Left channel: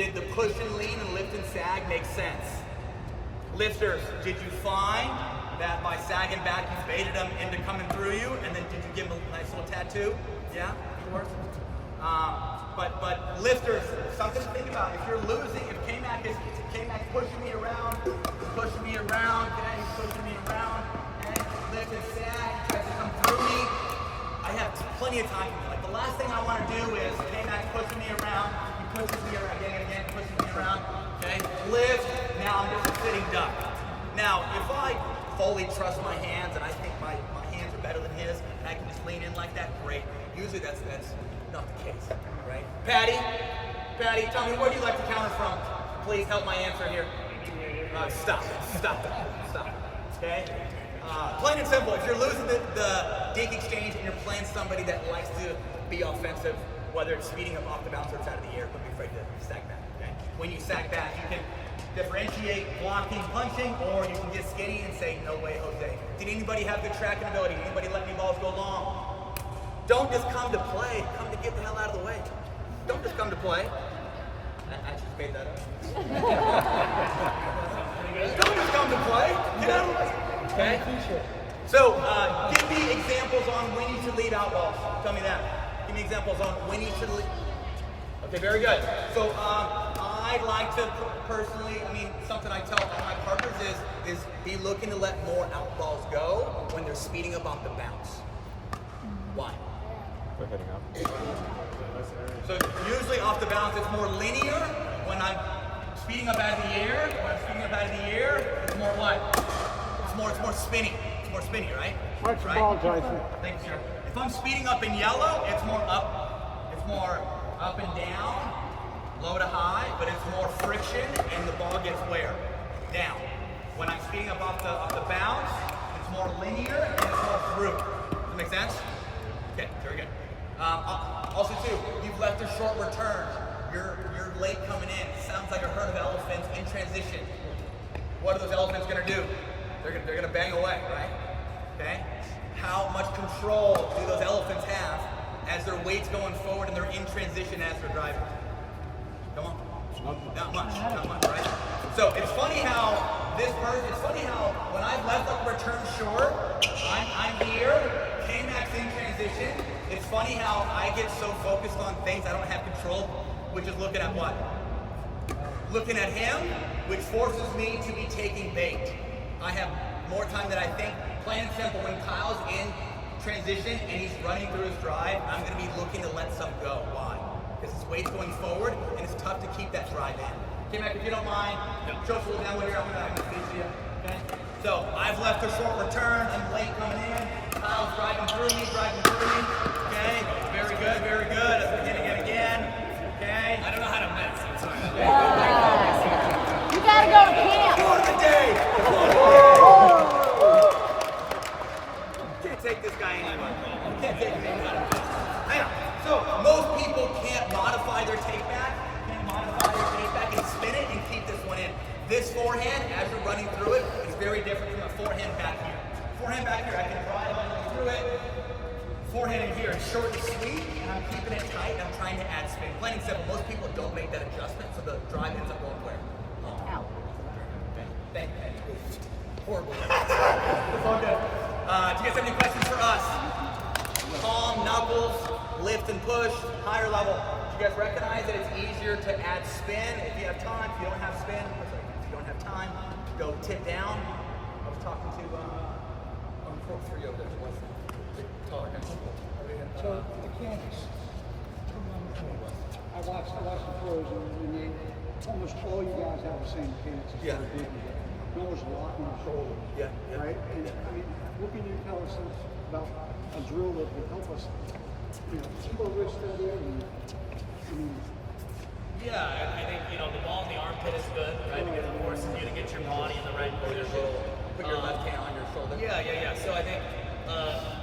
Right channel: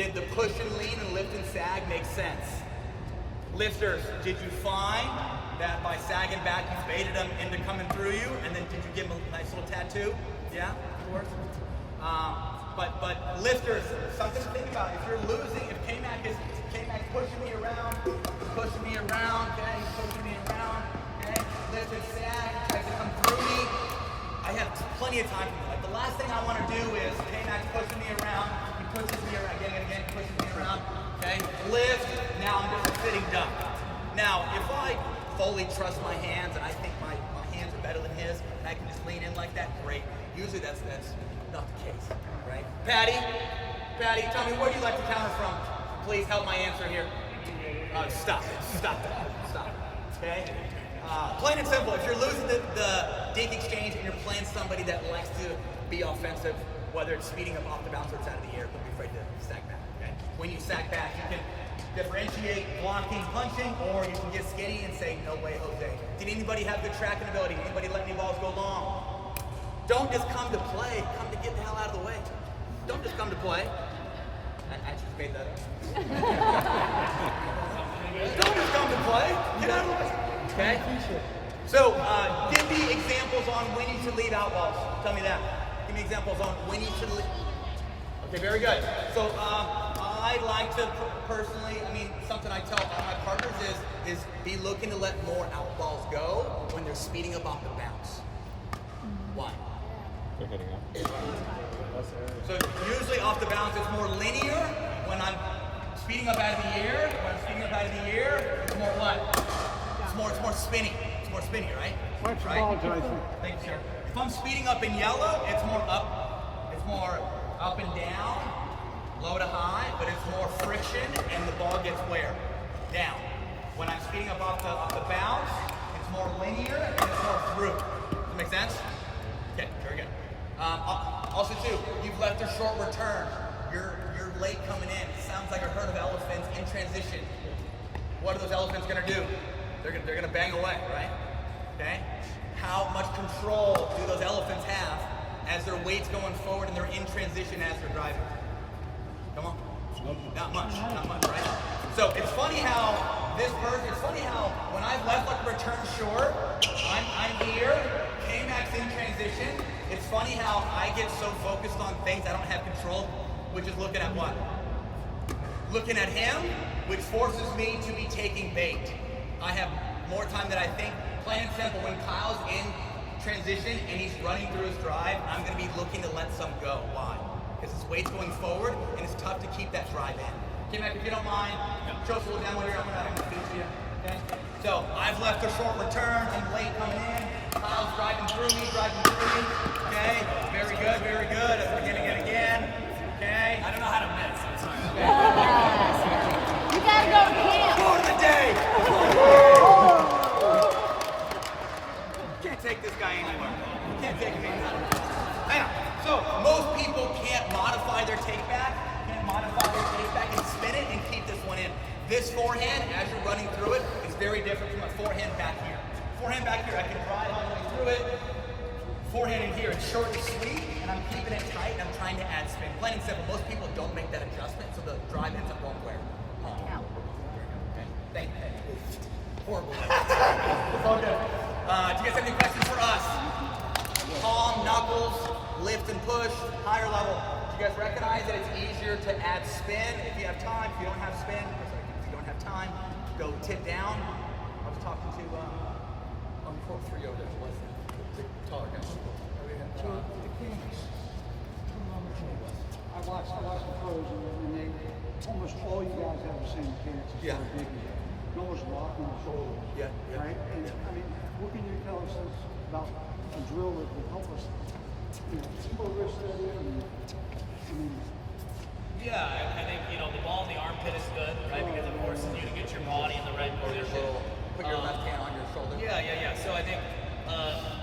Did the push and lean and lift and sag make sense? Lifters, did you find that by sagging back you baited them into coming through you, and then did you give them a nice little tattoo? Yeah, of course. But lifters, something to think about. If you're losing, if K-Mac's pushing me around, okay, he's pushing me around, okay, lift and sag, tries to come through me. I have plenty of time. Like the last thing I want to do is K-Mac's pushing me around, he pushes me around, again, pushes me around, okay, lift, now I'm just sitting duck. Now, if I fully trust my hands and I think my hands are better than his, and I can just lean in like that, great. Usually that's not the case, right? Patty, tell me, where do you like to counter from? Please help my answer here. Stop, okay? Plain and simple, if you're losing the dink exchange and you're playing somebody that likes to be offensive, whether it's speeding up off the bounce or it's out of the air, don't be afraid to sag back, okay? When you sag back, you can differentiate blocking, punching, or you can get skinny and say, no way, Jose. Did anybody have good tracking ability? Anybody let any balls go long? Don't just come to play, come to get the hell out of the way. Don't just come to play. I just made that up. Don't just come to play, get out of the way. Okay? So, give me examples on when you should lead out balls. Tell me that. Give me examples on when you should lead. Okay, very good. So, I like to personally, something I tell all my partners is be looking to let more out balls go when they're speeding up off the bounce. Why? They're hitting up. So usually off the bounce it's more linear. When I'm speeding up out of the air, it's more what? It's more spinny. It's more spinny, right? Watch the ball, Tyson. Thanks, sir. If I'm speeding up in yellow, it's more up and down, low to high, but it's more friction and the ball gets where? Down. When I'm speeding up off the bounce, it's more linear and it's more through. Does that make sense? Okay, very good. Also too, you've left a short return. You're late coming in. It sounds like a herd of elephants in transition. What are those elephants gonna do? They're gonna bang away, right? Okay? How much control do those elephants have as their weight's going forward and they're in transition as they're driving? Come on. Not much, right? So it's funny how when I've left like a return short, I'm here, K-Mac's in transition. It's funny how I get so focused on things I don't have control, which is looking at what? Looking at him, which forces me to be taking bait. I have more time than I think. Plain and simple, when Kyle's in transition and he's running through his drive, I'm going to be looking to let some go. Why? Because his weight's going forward and it's tough to keep that drive in. K-Mac, if you don't mind, show us a little down with here. I'm going to introduce you. Okay? So I've left a short return. I'm late coming in. Kyle's driving through me. Okay? Very good. I'm beginning it again. Okay? I don't know how to miss. I'm sorry. You gotta go to camp. For the day. Can't take this guy anywhere. Can't take him anywhere. Hang on. So most people can't modify their takeback. And spin it and keep this one in. This forehand, as you're running through it, is very different from a forehand back here. Forehand back here, I can drive running through it. Forehand in here, it's short and sweet, and I'm keeping it tight, and I'm trying to add spin. Plain and simple, most people don't make that adjustment, so the drive ends up going where? Out. Okay. Thank you. Horrible. It's all good. Do you guys have any questions for us? Palm, knuckles, lift and push, higher level. You guys recognize that it's easier to add spin if you have time. If you don't have spin, if you don't have time, go tip down. I was talking to court 3 over there. What's the taller guy? So the camps. I watched the pros and they almost all you guys have the same stance as far as digging. No one's locking the shoulder. Yeah. Right? And what can you tell us about a drill that can help us, slow wrist steady Yeah, I think, the ball in the armpit is good, right? Because it forces you to get your body in the right position. Put your left hand on your shoulder. Yeah. So I think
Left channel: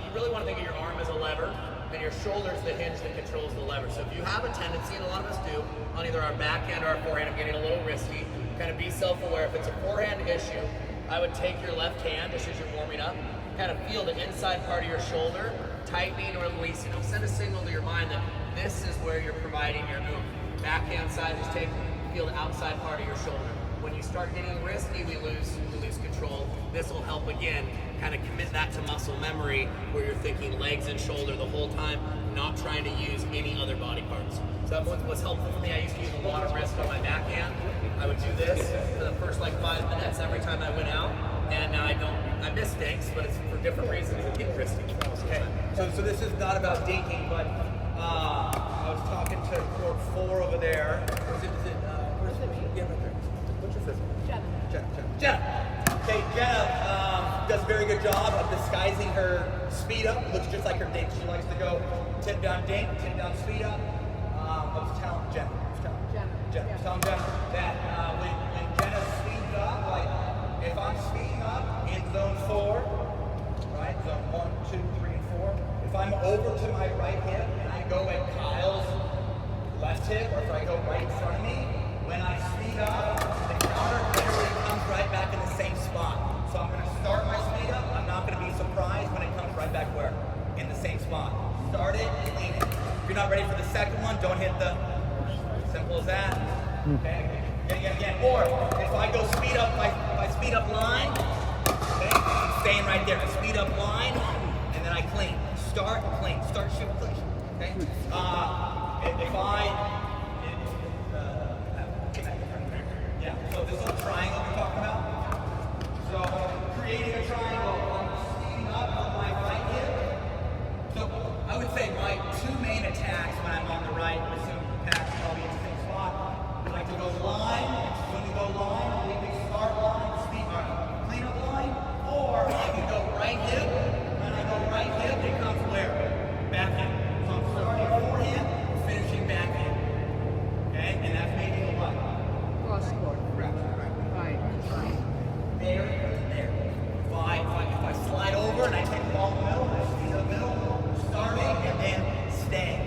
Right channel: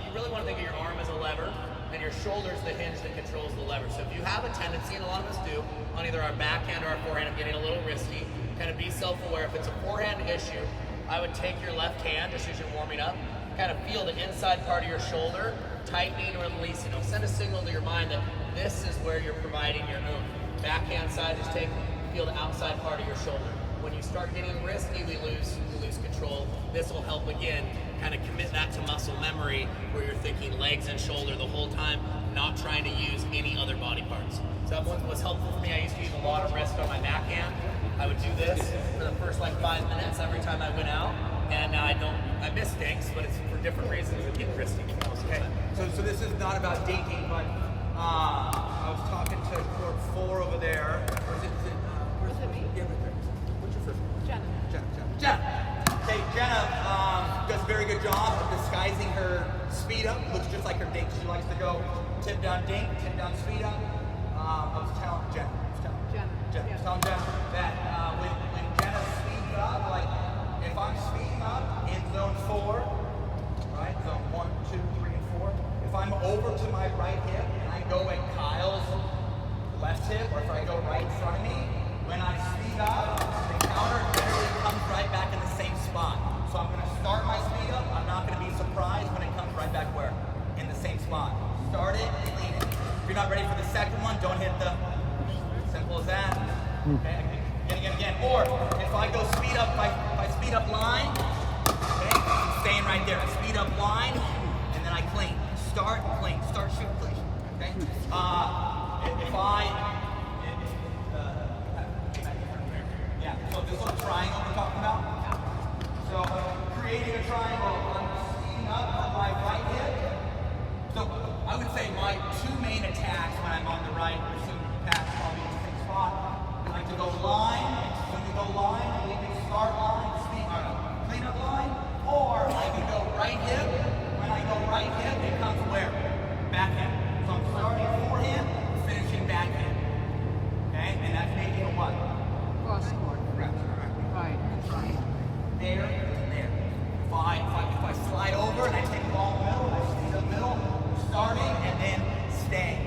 you really want to think of your arm as a lever, and your shoulder is the hinge that controls the lever. So if you have a tendency, and a lot of us do, on either our backhand or our forehand, I'm getting a little risky, kind of be self-aware. If it's a forehand issue, I would take your left hand just as you're warming up, kind of feel the inside part of your shoulder, tightening or releasing. It'll send a signal to your mind that this is where you're providing your move. Backhand side, just feel feel the outside part of your shoulder. When you start getting risky, we lose control. This will help again, kind of commit that to muscle memory where you're thinking legs and shoulder the whole time, not trying to use any other body parts. So that was helpful for me. I used to use a lot of wrist on my backhand. I would do this for the first like 5 minutes every time I went out, and now I miss things, but it's for different reasons. It gets risky. Okay. So this is not about dinking, but I was talking to court 4 over there. Where's it me? Yeah, right there. What's your first name? Jenna. Okay, Jenna does a very good job of disguising her speed up. Looks just like her dink. She likes to go tip down dink, tip down speed up. I was telling Jenna that when Jenna speeds up, like if I'm speeding up in zone 4, right, zone 1, 2, 3, and 4, if I'm over to my right hip and I go at Kyle's left hip, or if I go right in front of me, when I speed up, the counter generally comes right back in the same spot. So I'm going to start my speed up. I'm not going to be surprised when it comes right back where? In the same spot. Start it, clean it. If you're not ready for the second one, don't hit the, simple as that. Okay, again. Or if I go speed up, my speed up line, okay, I'm staying right there. I speed up line, and then I clean. Start, clean. Start, shoot, clean. Okay? So this little triangle we're talking about. So creating a triangle, I'm speeding up with my right hip. So I would say my 2 main attacks when I'm on the right, assume Pat's probably in the same spot. I like to go line. When we go line, we can start line, speed clean up line, or I can go right hip. When I go right hip, it comes where? Back hip. So I'm starting forehand, finishing back hip. Okay, and that's making a what? Cross court. Right. There. If I slide over and I hit the ball in the middle, I stay in the middle, starting and then staying.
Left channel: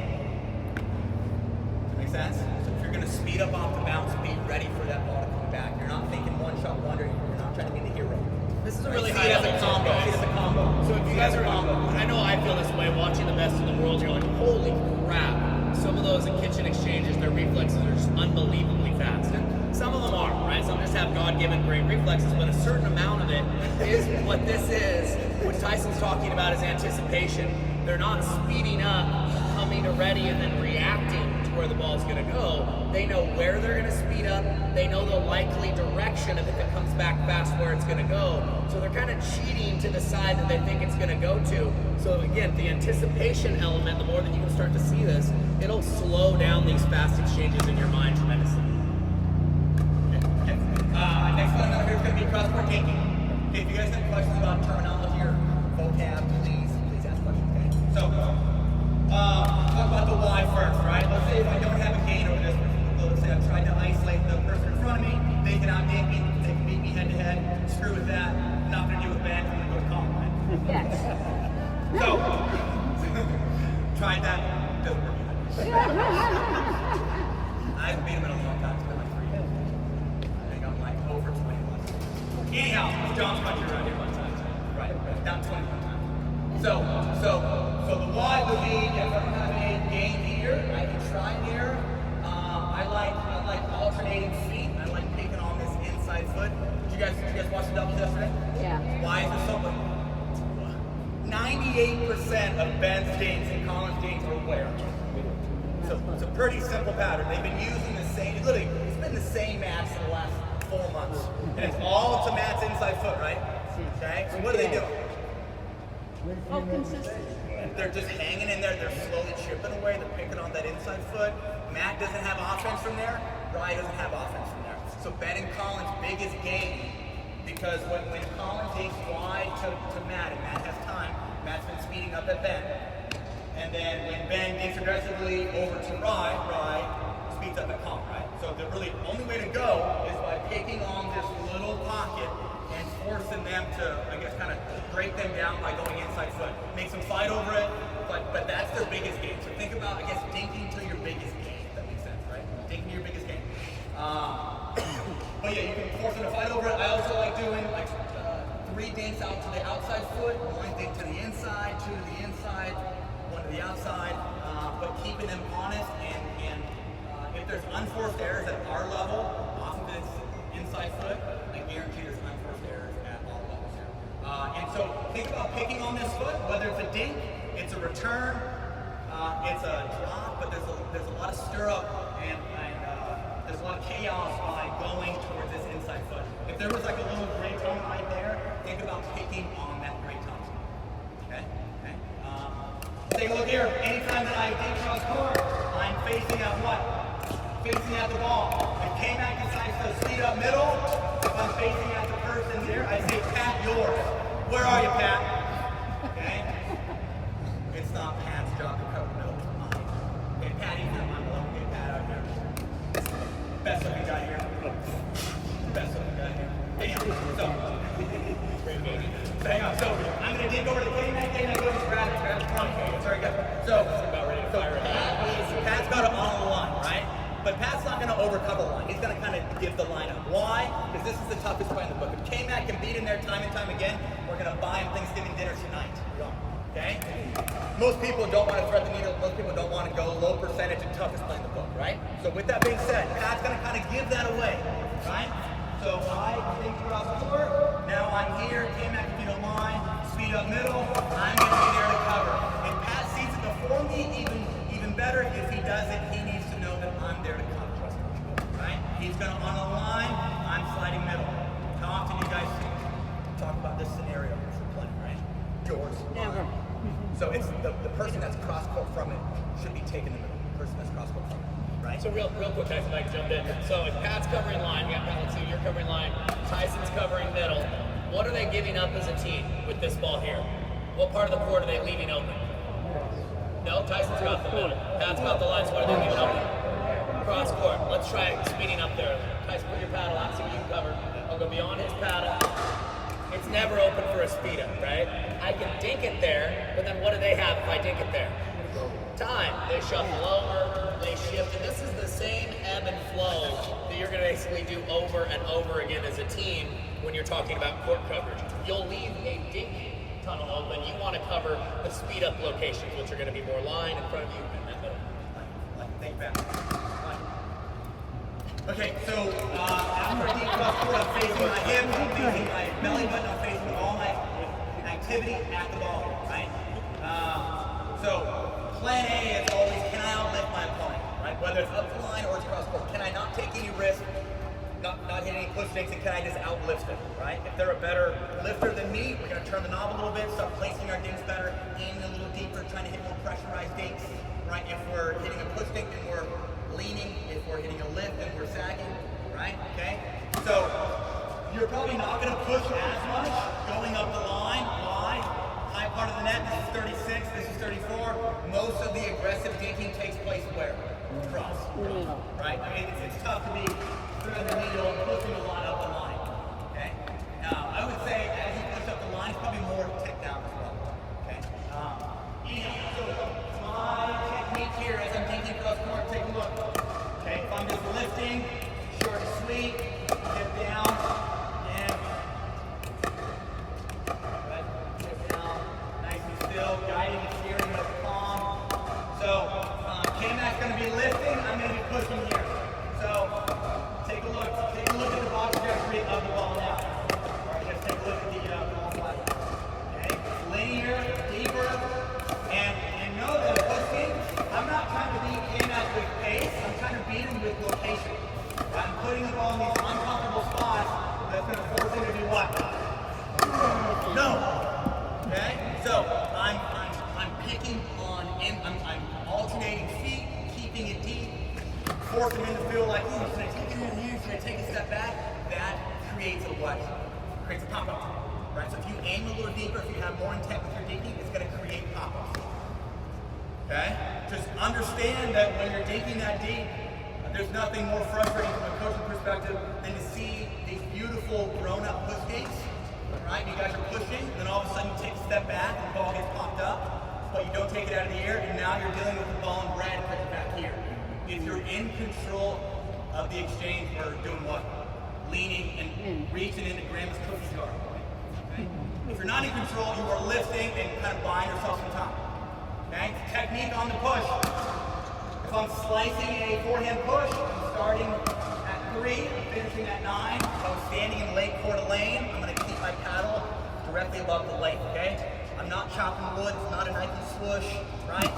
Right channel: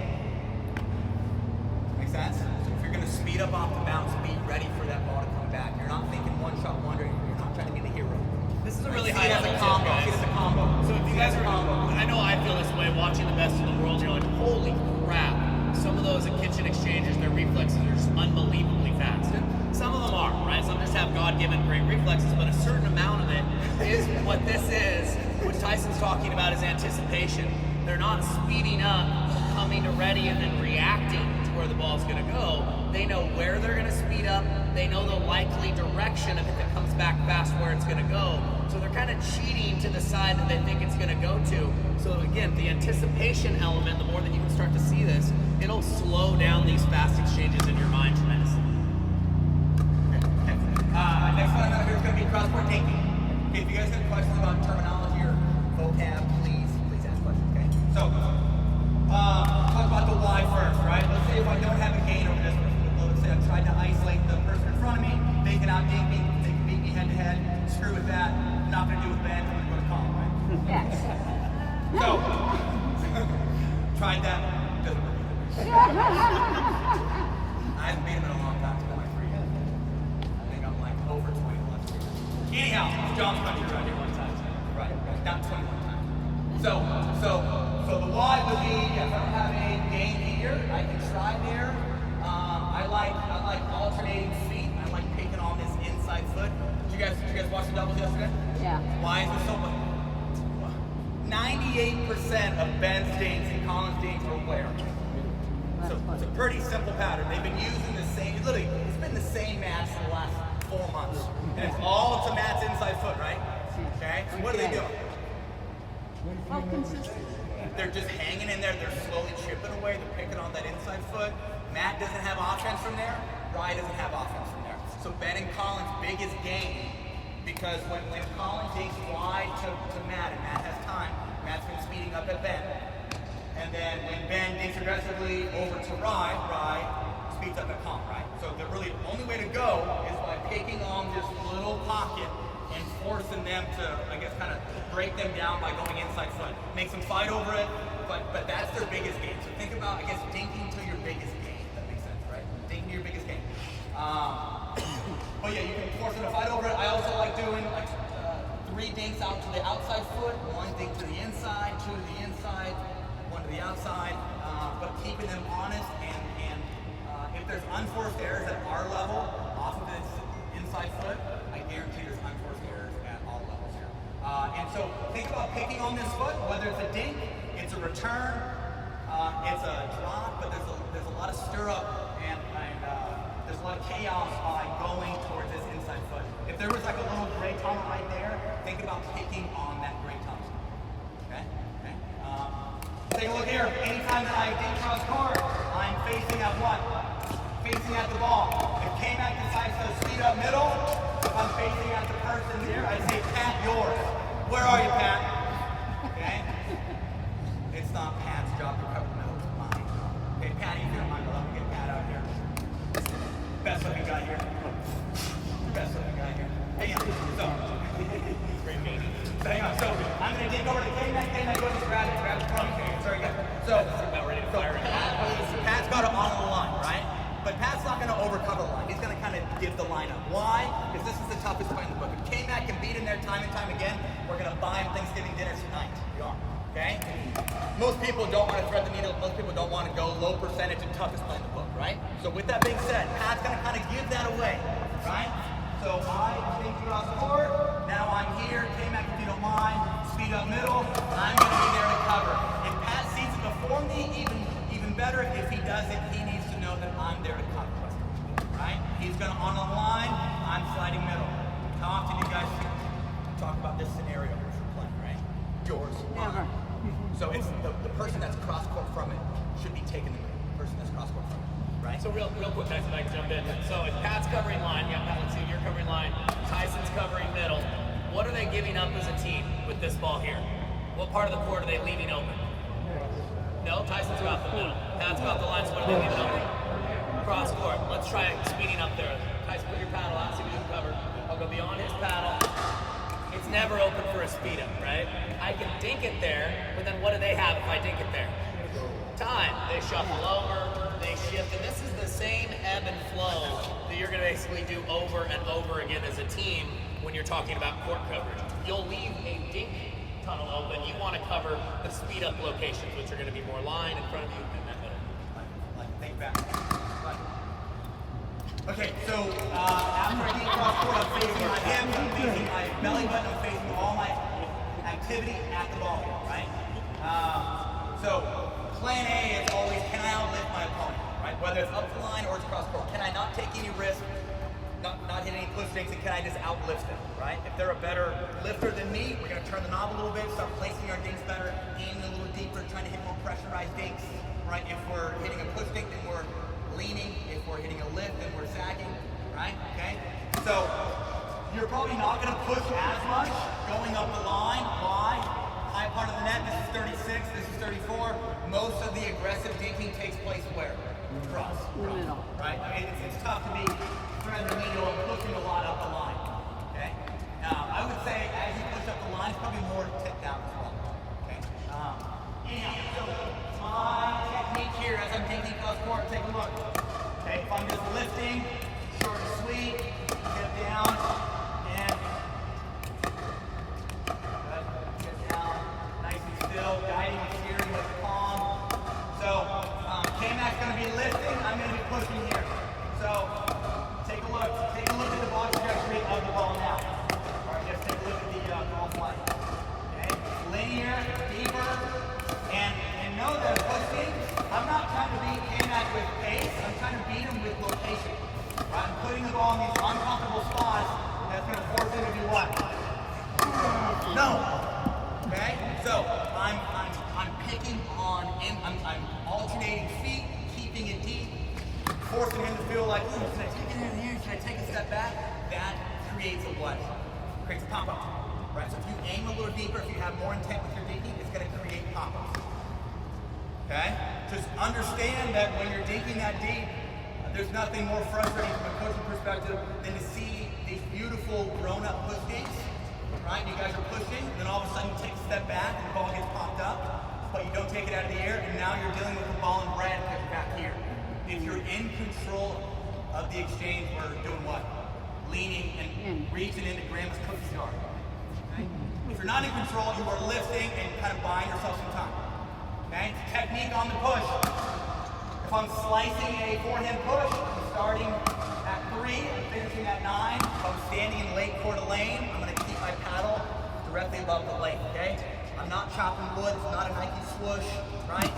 Make sense? So if you're going to speed up off the bounce, be ready for that ball to come back. You're not thinking one shot wonder. You're not trying to be the hero. This is a really high See it as a combo. See it as a combo. So if you guys are, I know I feel this way watching the best in the world. You're like, holy crap! Some of those kitchen exchanges, their reflexes are just unbelievably fast. And some of them are, right? Some just have God-given great reflexes, but a certain amount of it is what this is. What Tyson's talking about is anticipation. They're not speeding up, coming to ready, and then reacting to where the ball's going to go. They know where they're going to speed up. They know the likely direction if it comes back fast where it's going to go. So they're kind of cheating to the side that they think it's going to go to. So again, the anticipation element, the more that you can start to see this, it'll slow down these fast exchanges in your mind tremendously. Next one is going to be cross-court taking. Okay, if you guys have questions about terminology or vocab, please ask questions. Okay. So, talk about the why first, right? Let's say if I don't have a gain over this, let's say I'm trying to isolate the person in front of me, they can out-dink me, they can beat me head-to-head. Screw with that. Not going to deal with Ben. I'm going to go to Colin, right? Yes. So, tried that. Doesn't work. I haven't beat him in a long time. It's been like 3 years. I think I'm like over 21. Anyhow, John's country around here one time. Right, down 21 times. So the why would be if I don't have a gain here, I can try there. I like alternating feet. I like taking on this inside foot. Did you guys watch the doubles yesterday? Yeah. Why is it so much? 98% of Ben's gains and Colin's gains are where? So it's a pretty simple pattern. They've been using the same, literally, it's been the same mats for the last 4 months. And it's all to Matt's inside foot, right? Okay? So what are they doing? Oh, consistent. They're just hanging in there. They're slowly chipping away. They're picking on that inside foot. Matt doesn't have offense from there. Rye doesn't have offense from there. So Ben and Colin's biggest gain, because when Colin takes wide to Matt, and Matt has time, Matt's been speeding up at Ben. And then when Ben dinks aggressively over to Rye speeds up at Colin, right? So the really only way to go is by picking on this little pocket and forcing them to, I guess, kind of break them down by going inside foot. Makes them fight over it, but that's their biggest game. So think about, I guess, dinking to your biggest game, if that makes sense, right? Dinking to your biggest game. But yeah, you can force them to fight over it. I also like doing like 3 dinks out to the outside foot, 1 dink to the inside, 2 to the inside, 1 to the outside, but keeping them honest and if there's unforced errors at our level off of this inside foot, I guarantee there's unforced errors at all levels here. And so think about picking on this foot, whether it's a dink, it's a return, it's a drop, but there's a lot of stirrup and there's a lot of chaos by going towards this inside foot. If there was like a little gray tongue right there, think about picking on that gray tongue. Okay? Okay? Take a look here. Anytime that I dink cross court, I'm facing at what? Facing at the ball. If K-Mac decides to speed up middle, if I'm facing at the person here, I say, Pat, yours. Where are you, Pat? Okay? It's not Pat's job to cover middle. It's mine. Okay, Pat, he's here. Mine. Let me get Pat out here. Best looking guy here. Best looking guy here. Hang on. So I'm going to dig over to K-Mac. K-Mac goes to grab the front. Very good. So Pat's got it on the line, right? But Pat's not going to overcover the line. He's going to kind of give the line up. Why? Because this is the toughest play in the book. If K-Mac can beat him there time and time again, we're going to buy him Thanksgiving dinner tonight. We are. Okay? Most people don't want to thread the needle. Most people don't want to go low percentage and toughest play in the book, right? So with that being said, Pat's going to kind of give that away, right? So I think cross court. Now I'm here. K-Mac, if you don't mind, speed up middle. I'm going to be there to cover. If Pat sees it before me, even better. If he does it, he needs to know that I'm there to cover. Right? He's going to on the line. I'm sliding middle. How often do you guys talk about this scenario which we're playing, right? Yours. Never. So it's the person that's cross court from it should be taking the middle. The person that's cross court from it. Right? So real quick, guys, Mike, jump in. So if Pat's covering line, you got Pat, let's see, you're covering line, Tyson's covering middle. What are they giving up as a team with this ball here? What part of the court are they leaving open? No, Tyson's got the middle. Pat's got the line, so what are they leaving open? Cross court. Let's try speeding up there. Tyson, put your paddle out, see what you can cover. I'll go beyond his paddle. It's never open for a speed up, right? I can dink it there, but then what do they have if I dink it there? Time. They shuffle over, they shift, and this is the same ebb and flow that you're going to basically do over and over again as a team when you're talking about court coverage. You'll leave a dink tunnel open. You want to cover the speed up locations, which are going to be more line in front of you. Think back. Okay, so after I dink cross court, I'm facing my hip, I'm facing my belly button, I'm facing all my activity at the ball, right? So plan A is always, can I outlift my opponent, right? Whether it's up the line or it's cross court. Can I not take any risk, not hit any cliff stakes, and can I just outlift them, right? If they're a better lifter than me, we're going to turn the knob a little bit, start placing our dinks better, aiming a little deeper, trying to hit more pressurized dinks, right? If we're hitting a cliff stake, then we're leaning. If we're hitting a lift, then we're sagging, right? Okay? So you're probably not going to push as much going up the line. Why? High part of the net, this is 36, this is 34. Most of the aggressive dinking takes place where? Cross, right? I mean, it's tough to be threading the needle and pushing a lot up the line, okay? I would say as you push up the line, it's probably more to take down as well, okay? My technique here as I'm dinking cross court, take a look, okay? If I'm just lifting, short and sweet, get down, and still guiding and steering with the palm. So J-Mac's going to be lifting, I'm going to be pushing here. So take a look at the ball trajectory of the ball now. Alright, let's take a look at the ball flight. Okay, linear, deeper, and know that pushing, I'm not trying to beat J-Mac with pace, I'm trying to beat him with location. Right? I'm putting the ball in these uncomfortable spots that's going to force him to do what? No. Okay? So I'm picking on I'm alternating feet, keeping it deep, forcing him to feel like, ooh, should I take it in here? Should I take a step back? That creates a what? Creates a pop-up. Right? So if you aim a little deeper, if you have more intent with your dinking, it's going to create pop-ups. Okay? Just understand that when you're dinking that deep, there's nothing more frustrating from a coaching perspective than to see these beautiful grown-up push gates. Right? You guys are pushing, then all of a sudden you take a step back and the ball gets popped up, but you don't take it out of the air, and now you're dealing with the ball in red back here. If you're in control of the exchange, we're doing what? Leaning and reaching into Grandma's cookie jar. Okay? If you're not in control, you are lifting and kind of buying yourself some time. Okay? Technique on the push. If If I'm slicing a forehand push, I'm starting at 3, finishing at 9. If I'm standing in leg Coeur d'Alene, I'm going to keep my paddle directly above the leg, okay? I'm not chopping wood, it's not a Nike swoosh, right?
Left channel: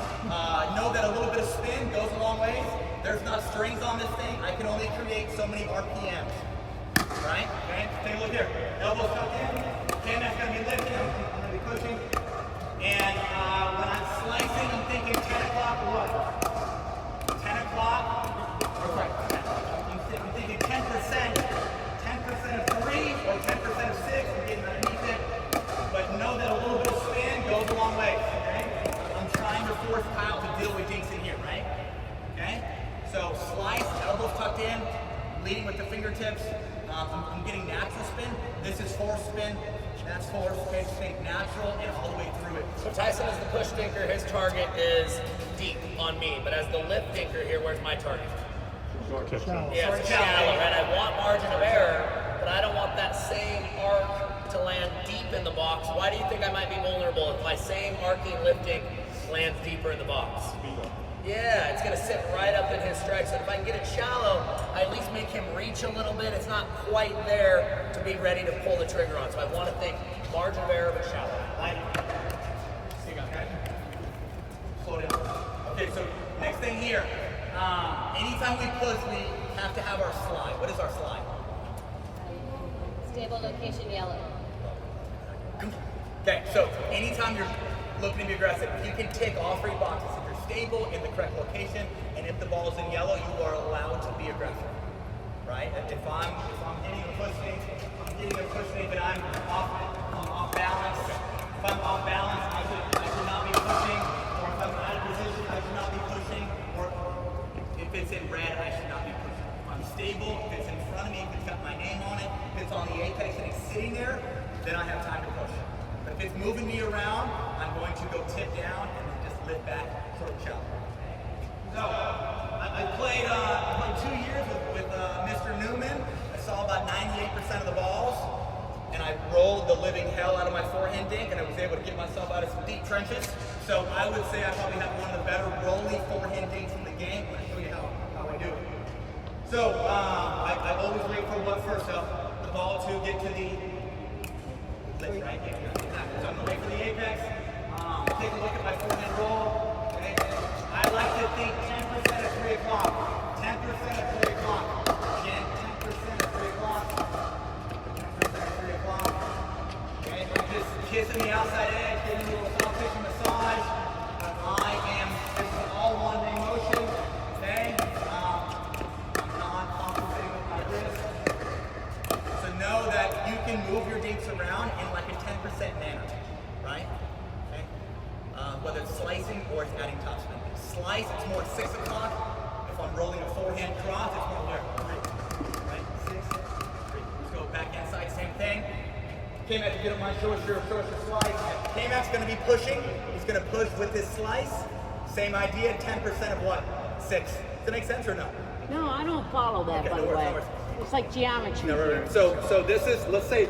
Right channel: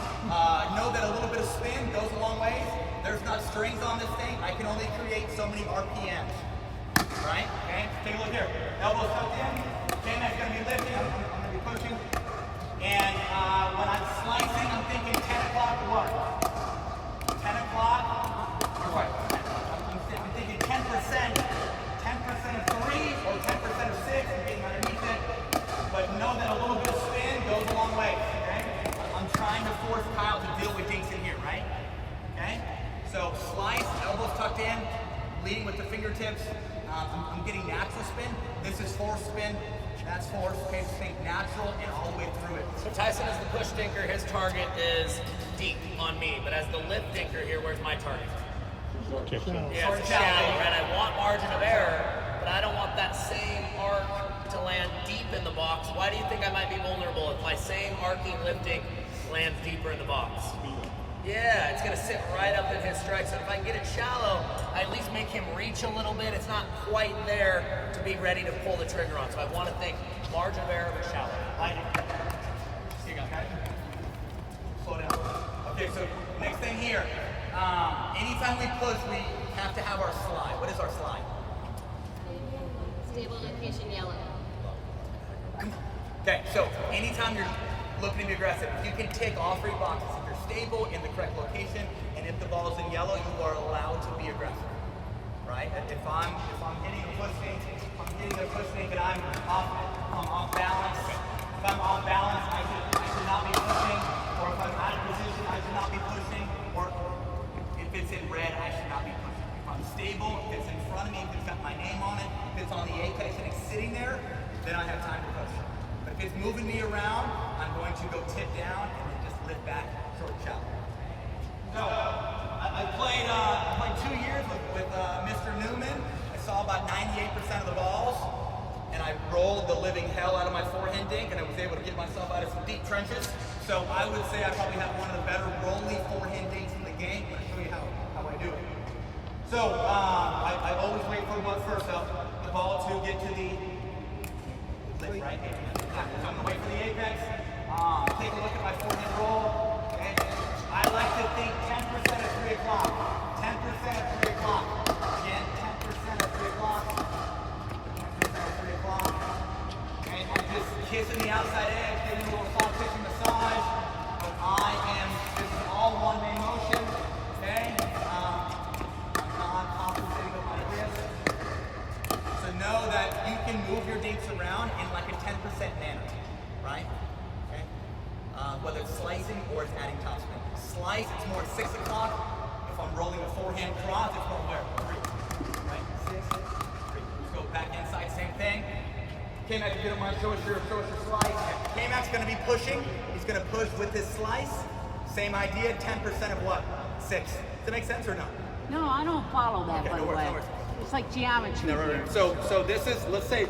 Know that a little bit of spin goes a long ways. There's not strings on this thing. I can only create so many RPMs, right? Okay, take a look here. Elbows tucked in. Okay, that's going to be lifting. I'm going to be pushing. And when I'm slicing, I'm thinking 10 o'clock or what? 10 o'clock, or sorry, I'm thinking 10%, 10% of 3 or 10% of 6, I'm getting underneath it. But know that a little bit of spin goes a long way, okay? I'm trying to force Kyle to deal with dinks in here, right? Okay? So slice, elbows tucked in, leading with the fingertips. I'm getting natural spin. This is force spin. That's force. Okay, think natural and all the way through it. So Tyson is the push dinker. His target is deep on me. But as the lift dinker here, where's my target? Yeah, it's shallow. And I want margin of error, but I don't want that same arc to land deep in the box. Why do you think I might be vulnerable if my same arcing lifting lands deeper in the box? Yeah, it's going to sit right up in his strike. So if I can get it shallow, I at least make him reach a little bit. It's not quite there to be ready to pull the trigger on. So I want to think margin of error, but shallow. Okay? Slow down. Okay, so next thing here. Anytime we push, we have to have our slide. What is our slide? Stable location yellow. Okay, so anytime you're looking to be aggressive, you can tick all 3 boxes. If you're stable in the correct location, and if the ball is in yellow, you are allowed to be aggressive, right? And if I'm hitting a push snake, but I'm off balance. If I'm off balance, I should not be pushing. Or if I'm out of position, I should not be pushing. Or if it's in red, I should not be pushing. If I'm stable, if it's in front of me, if it's got my name on it, if it's on the apex and it's sitting there, then I have time to push. But if it's moving me around, I'm going to go tip down and then just lift back toward the shallow. So I played 2 years with Mr. Newman. I saw about 98% of the balls, and I rolled the living hell out of my forehand dink, and I was able to get myself out of some deep trenches. So I would say I probably have one of the better rolly forehand dinks in the game. Let me show you how I do it. So I always wait for what first, the ball to get to the lift, right? So I'm going to wait for the apex. Take a look at my forehand roll. Okay? I like to think 10% at 3 o'clock. 10% at 3 o'clock. Again, 10% at 3 o'clock. 10% at 3 o'clock. Okay? I'm just kissing the outside edge, getting a little soft tissue massage. This is all one-day motion. Okay? I'm not compensating with my wrist. So know that you can move your dinks around in like a 10% manner, right? Okay? Whether it's slicing or it's adding top spin. Slice, it's more 6 o'clock. If I'm rolling a forehand cross, it's more where? 3. Right? 6, 3. Let's go back inside, same thing. K-Max, get up my shoulders, your slice. K-Max going to be pushing. He's going to push with his slice. Same idea, 10% of what? 6. Does that make sense or no? No, I don't follow that, Okay, by no the worries, way. no worries. It's like geometry. No, here. right. So this is, let's say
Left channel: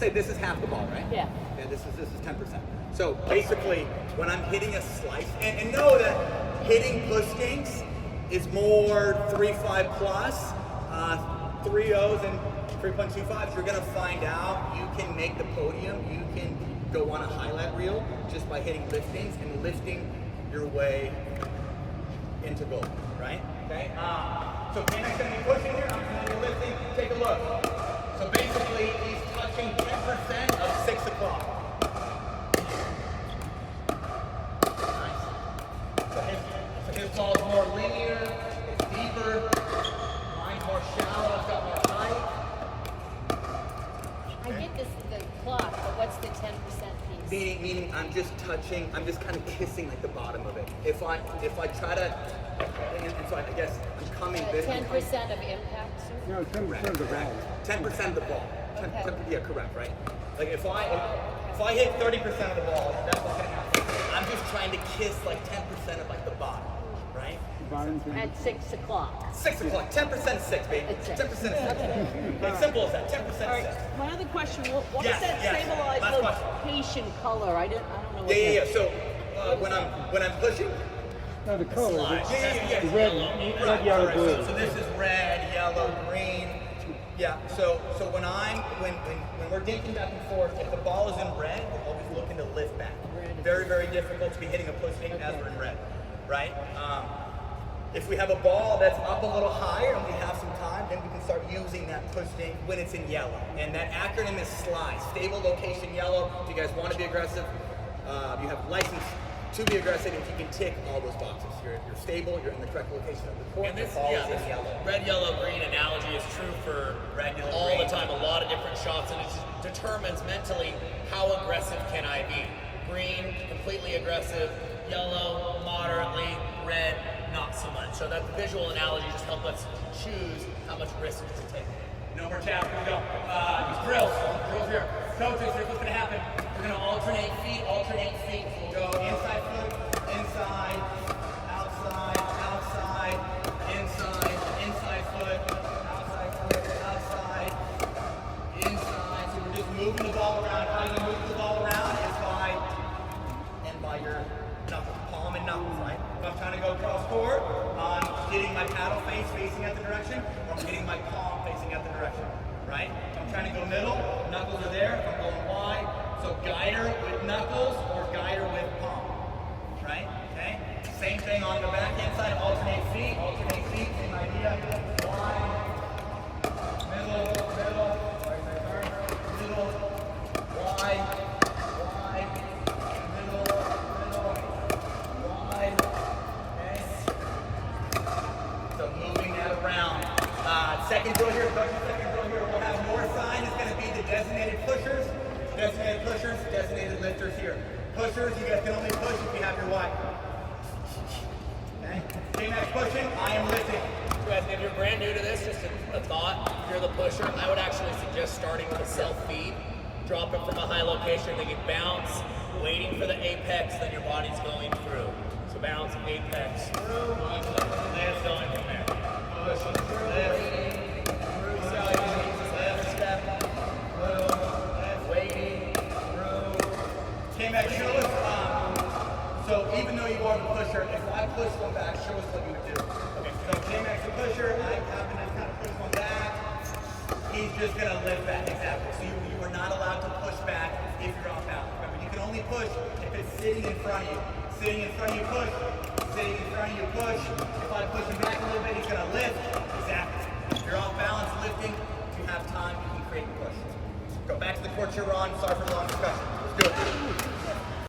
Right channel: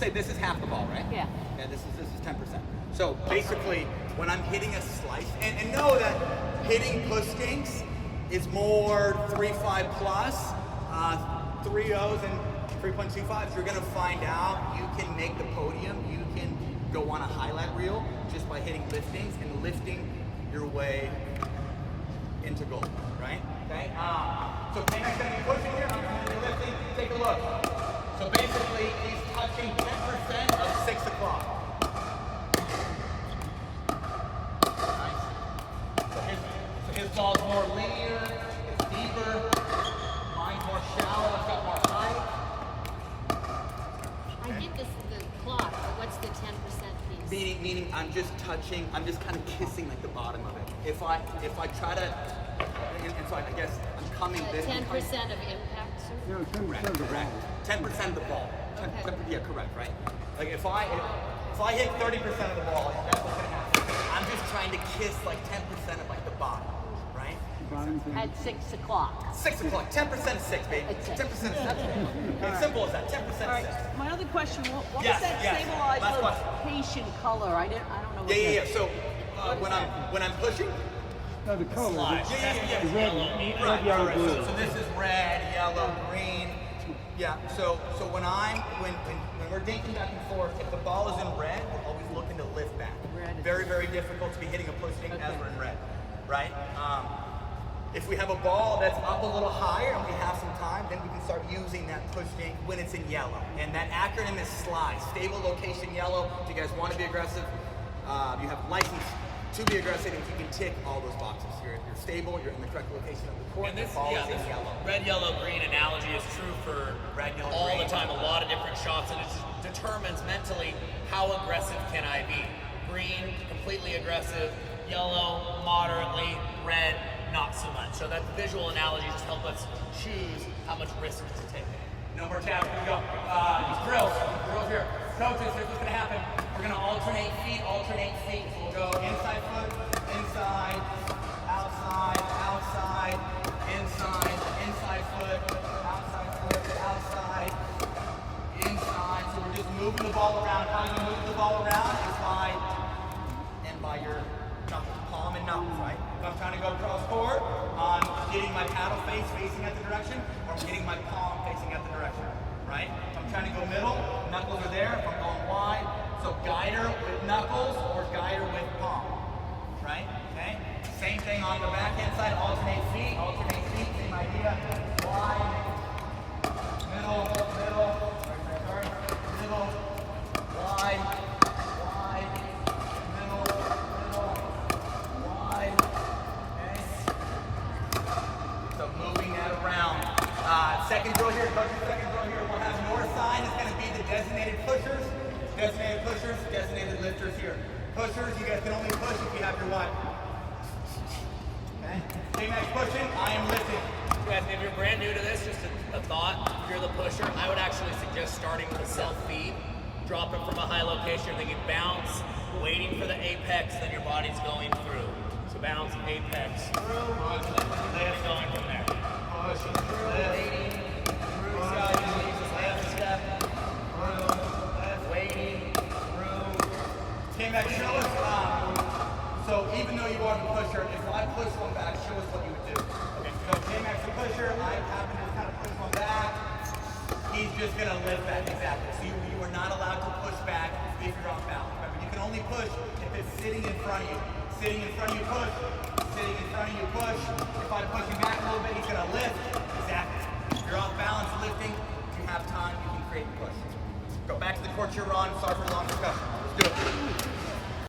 this is half the ball, right? Yeah. And this is 10%. So basically, when I'm hitting a slice, and know that hitting push dinks is more 3.5 plus, 3 O's and 3.25. You're gonna find out you can make the podium. You can go on a highlight reel just by hitting liftings and lifting your way into goal, right? Okay. So K-Mac's gonna be pushing here. I'm gonna be lifting. Take a look. So basically, he's touching 10% of 6 o'clock. His ball's more linear, it's deeper, mine's more shallow, it's got more height. I get this the clock, but what's the 10% piece? Meaning I'm just touching, I'm just kind of kissing like the bottom of it. If I try to, and so I guess I'm coming this. 10% of impact? You know, 10% of the ball. 10% of the ball. Okay. Yeah, correct, right? Like if I hit 30% of the ball, that's what's gonna happen. I'm just trying to kiss like 10% of like the bottom, right? Bottom thing. At 6 o'clock. 6 o'clock, 10% of 6, baby. At 6. 10% of 6. It's simple as that, 10% All right. of 6. My other question: what Yes, is that yes. stabilized Last question. location color? I don't know. What Yeah. that- So What when is I'm pushing, No, the color. Slide. Yeah. The red, red, yellow, blue. So this is red, yellow, green. Yeah. So when we're dinking back and forth, if the ball is in red, we're always looking to lift back. Red. Very difficult to be hitting a push dink as Okay. we're in red, right? If we have a ball that's up a little higher and we have some time, then we can start using that push dink when it's in yellow. And that acronym is SLIDE, stable location yellow. If you guys want to be aggressive, you have license to be aggressive if you can tick all those boxes. You're stable, you're in the correct location of the court, And this, the ball is this in yellow. red, yellow, green analogy is true for all the time, a lot of different shots, and it determines mentally how aggressive can I be. Green, completely aggressive, yellow, moderately, red, not so much. So that visual analogy just helps us choose how much risk to take. No more taps, here we go. Drills here. Coaches, here's what's gonna happen. We're gonna alternate feet. So we'll go inside foot, inside, outside, outside, inside foot, outside, inside. So we're just moving the ball around. How you move the ball around is by your knuckles, palm and knuckles, right? If I'm trying to go cross court, I'm getting my paddle facing at the direction, or I'm getting my palm facing at the direction, right? If I'm trying to go middle, knuckles are there. If I'm going wide, so guider with knuckles or guider with palm, right? Okay? Same thing on the back hand side, alternate feet, same idea. Wide, middle, middle, wide, middle, wide, okay? So moving that around. Second drill here, coach's second drill here, we'll have more sign. It's going to be the designated pushers, designated lifters here. Pushers, you guys can only push if you have your what? Okay. J-Max pushing, I am lifting. Guys, if you're brand new to this, just a thought, if you're the pusher, I would actually suggest starting with a self-feed. Drop it from a high location, then you bounce, waiting for the apex, then your body's going through. So bounce, apex, through, lift, going from there. Push, lift, through, left step, through, waiting, through. J-Max, show us. So even though you are the pusher, if I push one back, show us what you would do. Okay, so J-Max the pusher, I happen to kind of push one back. He's just going to lift back, exactly. So you are not allowed to push back if you're off balance. Remember, you can only push if it's sitting in front of you. Sitting in front of you, push. Sitting in front of you, push. If I push him back a little bit, he's going to lift. Exactly. If you're off balance lifting, if you have time, you can create your push. Go back to the court you're on. Sorry for the long discussion. Let's do it.